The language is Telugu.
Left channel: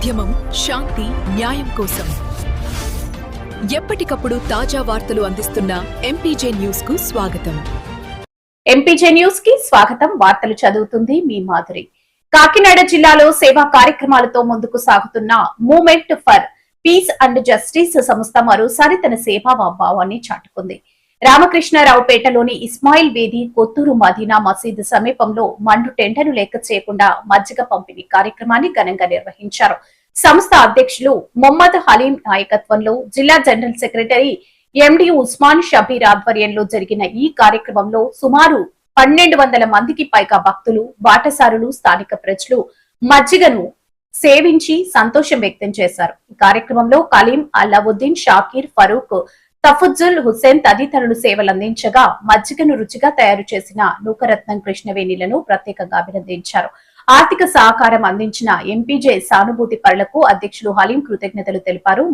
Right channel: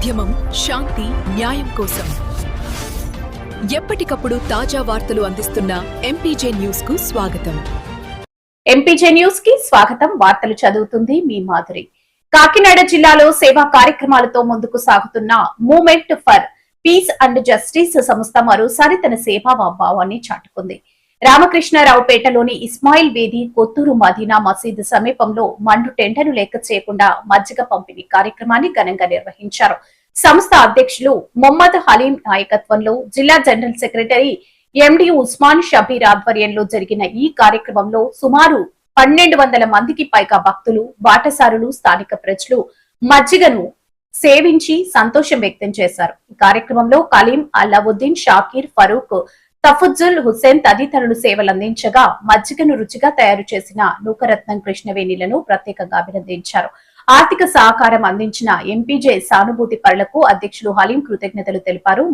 ఉద్యమం శాంతి న్యాయం కోసం ఎప్పటికప్పుడు తాజా వార్తలు అందిస్తున్న ఎంపీజే న్యూస్ కు స్వాగతం. ఎంపీజే న్యూస్ కి స్వాగతం. వార్తలు చదువుతుంది మీ మాధురి. కాకినాడ జిల్లాలో సేవా కార్యక్రమాలతో ముందుకు సాగుతున్న movement for piece and justice సంస్థ మరోసారి తన సేవా భావాన్ని చాటుకుంది. రామకృష్ణారావుపేటలోని ఇస్మాయిల్ వేది కొత్తూరు మదీనా మసీదు సమీపంలో మండు టెండను లెక్క చేయకుండా మజ్జిగ పంపిణీ కార్యక్రమాన్ని ఘనంగా నిర్వహించారు. సంస్థ అధ్యక్షులు మొహమ్మద్ హలీం నాయకత్వంలో జిల్లా general secretary MD Usman Shabbir ఆధ్వర్యంలో జరిగిన ఈ కార్యక్రమంలో సుమారు 1200 మందికి పైగా భక్తులు, బాటసారులు, స్థానిక ప్రజలు మజ్జిగను సేవించి సంతోషం వ్యక్తం చేశారు. ఈ కార్యక్రమంలో కలీం, అల్లావుద్దీన్, షాకీర్, ఫరూక్, తఫుజ్జుల్ హుస్సేన్ తదితరులు సేవలందించగా మజ్జిగను రుచిగా తయారు చేసిన నూకరత్నం కృష్ణవేణిలను ప్రత్యేకంగా అభినందించారు. ఆర్థిక సహకారం అందించిన ఎంపీజే సానుభూతి పరులకు అధ్యక్షులు హలీం కృతజ్ఞతలు తెలిపారు.